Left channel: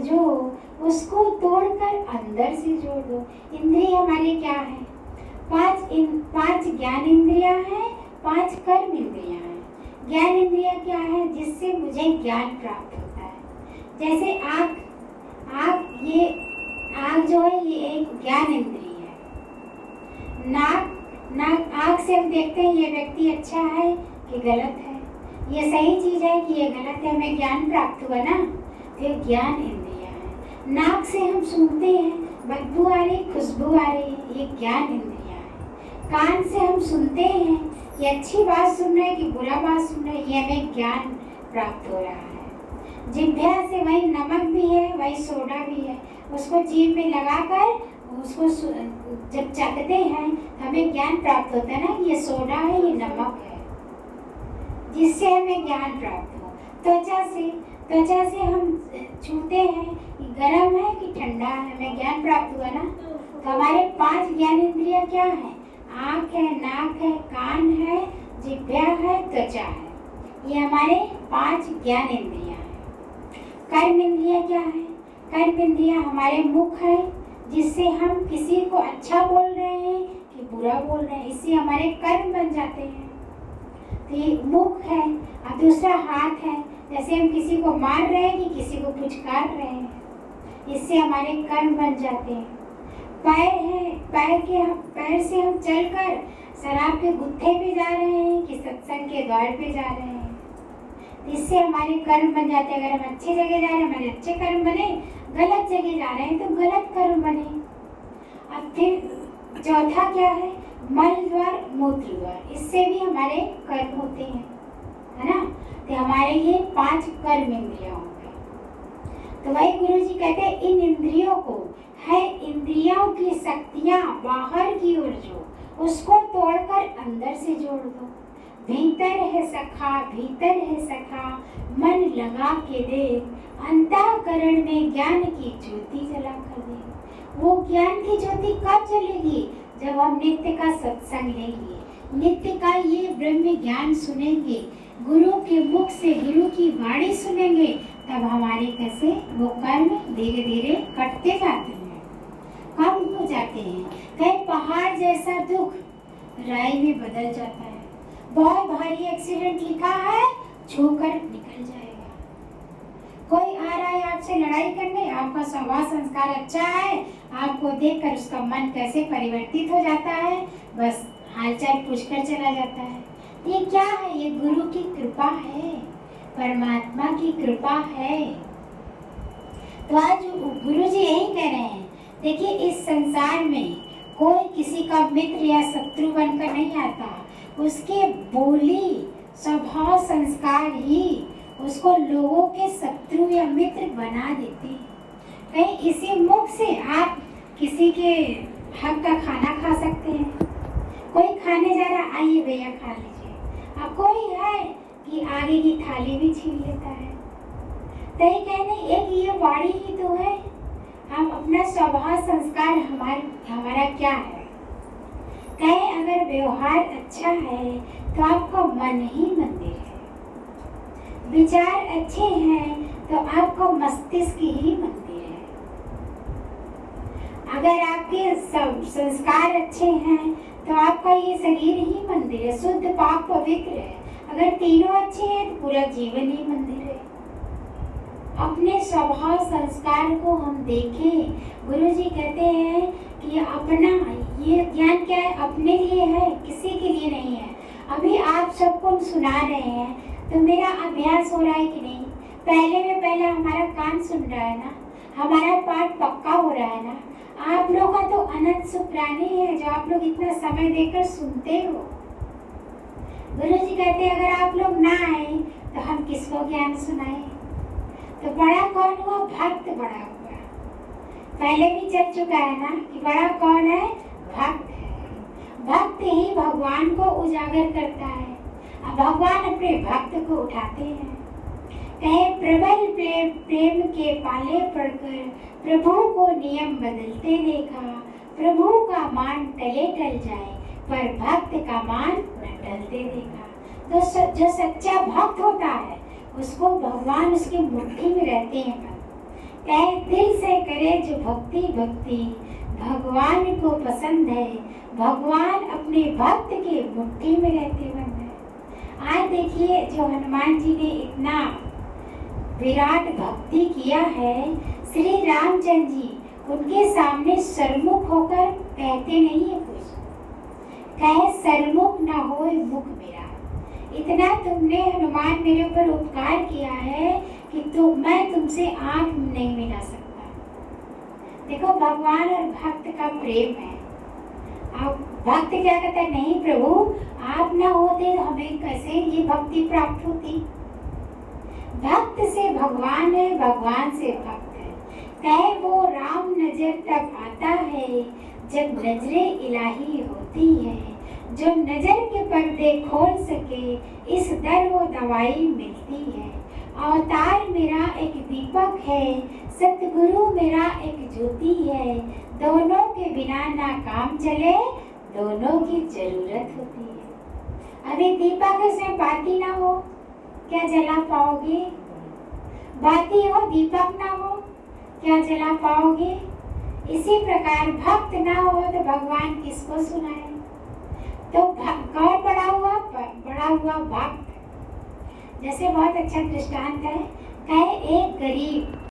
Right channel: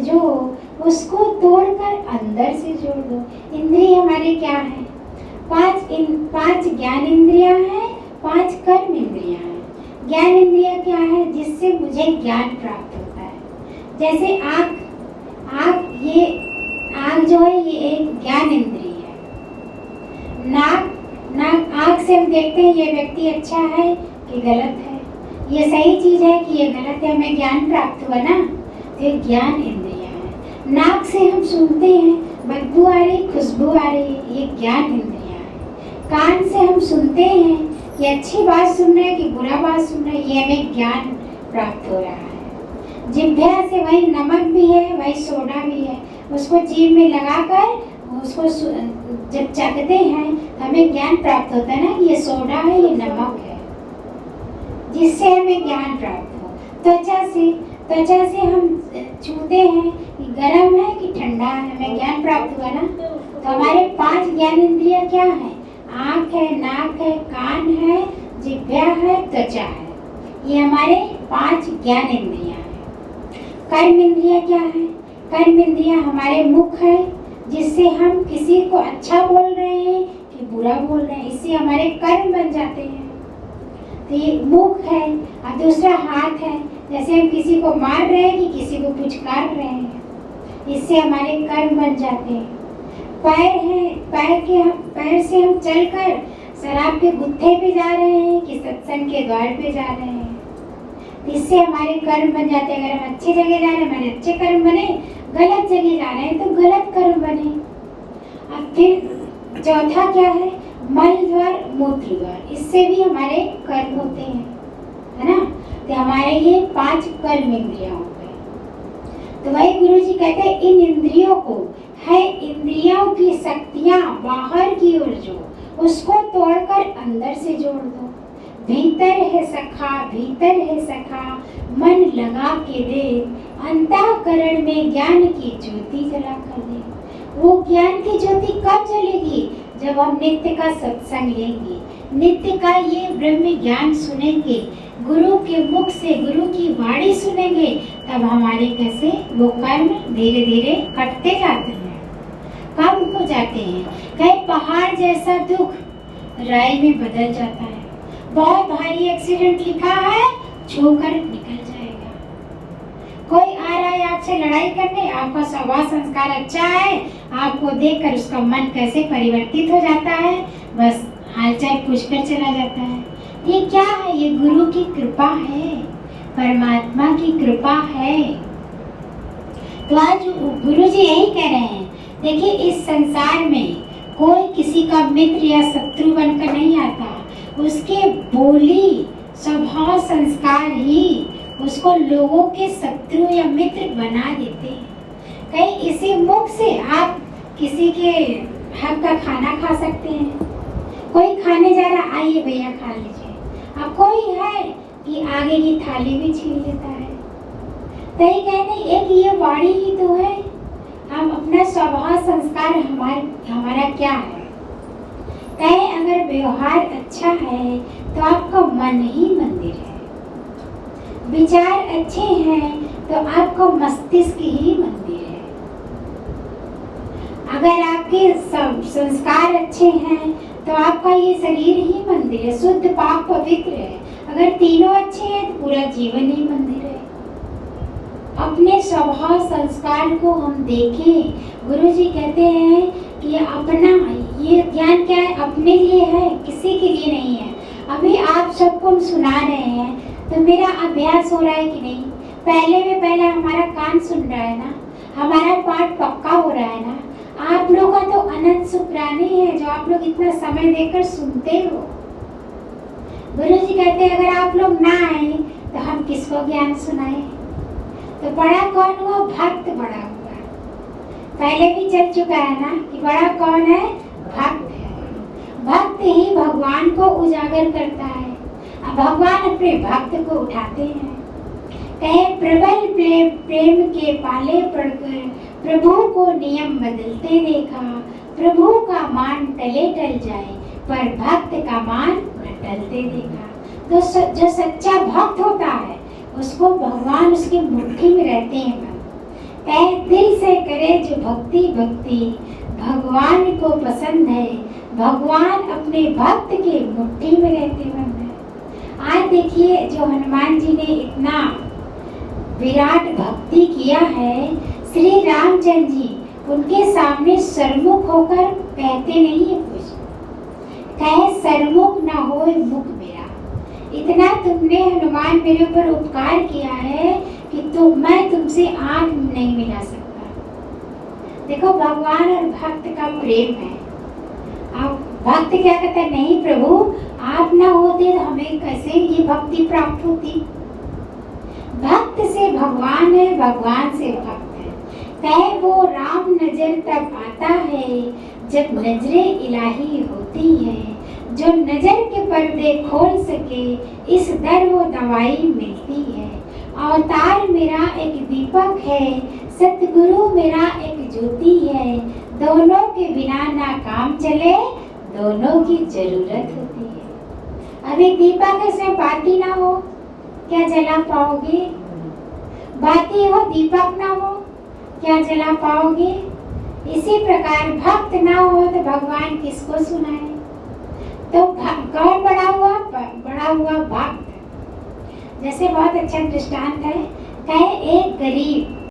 जो उसको तोड़कर अंदर से जोड़ दो। इंद्रिय हमारे क्या है? पांच ज्ञान इंद्रियां हैं, 5 कर्म इंद्रियां हैं। ज्ञान इंद्रिया क्या है? जिससे मुझे ज्ञान प्राप्त होता है। जैसे आँख जो है ये एक ज्ञान इंद्रिय है। नाक आँख से हम देखते हैं ये व्यक्ति अच्छा है कि गलत है, ये सही चीज है कि ये गलत है, हमें ज्ञान प्राप्त हुआ ना, तो ये ज्ञान इंद्रिया है। नाक से हम सुनते हैं, बदबू आ रही, खुशबू आ रही, ये ज्ञान इंद्रिया है। कान से हम सुनते हैं कि अच्छी बात सुन रहे हैं कि बुरा बात सुन रहे हैं, ये हमें ज्ञान प्राप्त हो रहा है। जिह्वा से वही नमक भी है, वही सोडा भी है, उसको जीभ में लगाकर उसको जब चखते हैं हमें ज्ञान प्राप्त होता है ना कि ये सोडा है, ये नमक है, जिससे हमें ज्ञान प्राप्त हो। त्वचा से हम छूते हैं कि गर्म है कि ठंडा है, हमें ज्ञान प्राप्त हुआ ना। तो हमारे 5 ज्ञान इंद्रियां क्या है? आँख है, नाक है, कान है, जिह्वा है, त्वचा है, ये हमारे 5 ज्ञान इंद्रियां हैं। कर्म इंद्रियां क्या है? कर्म इंद्रियां हमारे मुख है, जिससे हम किसी को अच्छा बोल रहे हैं कि बुरा बोल रहे हैं, इससे हमारे कर्म बन जाते हैं। तो ये मुख है। और दूसरा हाथ है, जैसे हम किसी को मार रहे हैं कि किसी को पुचकार रहे हैं, इससे हमारे कर्म बन जाते हैं। पैर है, पैर से हम चलकर शराब के गुत्थे पे जा रहे हैं कि सत्संग के द्वार पे जा रहे हैं, इससे हमारे कर्म बन जाते हैं। अगर हम अच्छी जगह जा रहे हैं हमारे अच्छे कर्म बने, गलत जगह जा रहे हैं तो गलत कर्म बने। अब फिर चौथा क्या है? मल द्वार, मूत्र द्वार, इससे भी हमारे कर्म होते हैं, है ना। तो हमारे ये 5 कर्म इंद्रियां हो गई। तो वही गुरु जी कहते हैं इन इंद्रियों को है, इंद्रियों की शक्तियां बाहर की ओर जो, उसको तोड़कर अंदर से जोड़ दो। भीतर है सखा, भीतर है सखा, मन लगा के देख, अंतःकरण में ज्ञान की ज्योति जला कर दे। वो ज्ञान की ज्योति कब जलेगी? जब हम नित्य का सत्संग लेंगे, नित्य का ये ब्रह्म ज्ञान सुनेंगे, गुरु के मुख से गुरु की वाणी सुनेंगे, तब हमारे कैसे वो कर्म धीरे धीरे कटते जाते हैं, कम हो जाते हैं। कहीं पहाड़ जैसा दुख राई में बदल जाता है। बहुत भारी एक्सीडेंट लिखा है, छूकर निकल जाएगा। कोई आ रहा है आपसे लड़ाई करने, आपका स्वभाव संस्कार अच्छा है, आपको देखकर उसका मन कैसे परिवर्तित हो जाता है, बस हालचाल पूछकर चला जाता है। ये क्या है? ये गुरु की कृपा है, परमात्मा की कृपा है। तो आज गुरु जी यही कह रहे हैं, देखिए इस संसार में कोई किसी का मित्र या शत्रु बनकर नहीं आता, उसके बोली स्वभाव संस्कार ही उसको लोगों के शत्रु या मित्र बना देते हैं। कहीं इसी मुख से आप किसी के हक का खाना खा सकते हैं। कोई खाने जा रहा, आइए भैया खा लीजिए। अब कोई है कि आगे की थाली भी छीन लेता है। कहीं कहने एक ये वाणी ही तो है, हम अपना स्वभाव संस्कार हमारा क्या है। कहे अगर व्यवहार अच्छा है तो आपका मन ही मंदिर है, विचार अच्छे हैं तो आपका मस्तिष्क ही मंदिर है। अगर आपके संस्कार अच्छे हैं तो आपका ये शरीर ही मंदिर है, शुद्ध पाक पवित्र है। अगर तीनों अच्छे हैं तो पूरा जीवन ही मंदिर है। अपने स्वभाव संस्कार को हम देखें। गुरु जी कहते हैं कि अपना ये ज्ञान क्या है, अपने लिए है, किसी के लिए नहीं है। अभी आप सबको हम सुना रहे हैं तो मेरा अभ्यास हो रहा है कि नहीं? पहले हमारा कान सुन रहा है ना, हमारा पाठ पक्का हो रहा है ना। आप लोगों का तो अनंत शुक्राने है जो आप लोग इतना समय देकर सुनते हो। गुरु जी कहते हैं अगर आप लोग ना आए तो हम किसको ज्ञान सुनाए? तो बड़ा कौन हुआ? भक्त बड़ा हुआ। पहले भी चल चुका है ना कि बड़ा कौन है? भक्त है। भक्त ही भगवान को उजागर करता है। अब भगवान अपने भक्त को उठाते हैं। कहे प्रबल प्रेम के पाले पड़कर प्रभु को नियम बदलते देखा। प्रभु का मान टले टल जाए पर भक्त का मान न टलते देखा। तो जो सच्चा भक्त होता है उसको भगवान उसकी मुट्ठी में रहते हैं। तहे दिल से करे जो भक्ति भक्ति भगवान को पसंद है। भगवान अपने भक्त के मुट्ठी में रहते बंद है। आज देखिए जो हनुमान जी ने इतना विराट भक्ति किया है, श्री रामचंद्र जी उनके सामने सरमुख होकर कहते नहीं है कुछ, कहे सरमुख ना होए मुख मेरा। इतना तुमने हनुमान मेरे ऊपर उपकार किया है कि मैं तुमसे आंख नहीं मिला सकता। देखो भगवान और भक्त का प्रेम है। अब भक्त क्या कहता है, नहीं प्रभु आप ना होते तो हमें कैसे ये भक्ति प्राप्त होती। भक्त से भगवान है, भगवान से भक्त है। कहे वो राम नजर तब आता है जब नजरे इलाही होती है। जो नजर के पर्दे खोल सके इस दर वो दवाई मिलती है। अवतार मेरा एक दीपक है, सतगुरु मेरा एक ज्योति है। दोनों के बिना ना काम चले, दोनों की जरूरत होती है। अभी दीपक से बाती ना हो क्या जला पाओगे? बाती हो दीपक ना हो क्या जला पाओगे? इसी प्रकार भक्त ना हो तो भगवान किसको सुनाए? तो कौन बड़ा हुआ? बड़ा हुआ भक्त। जैसे बहुत अच्छा दृष्टांत है, कहे एक गरीब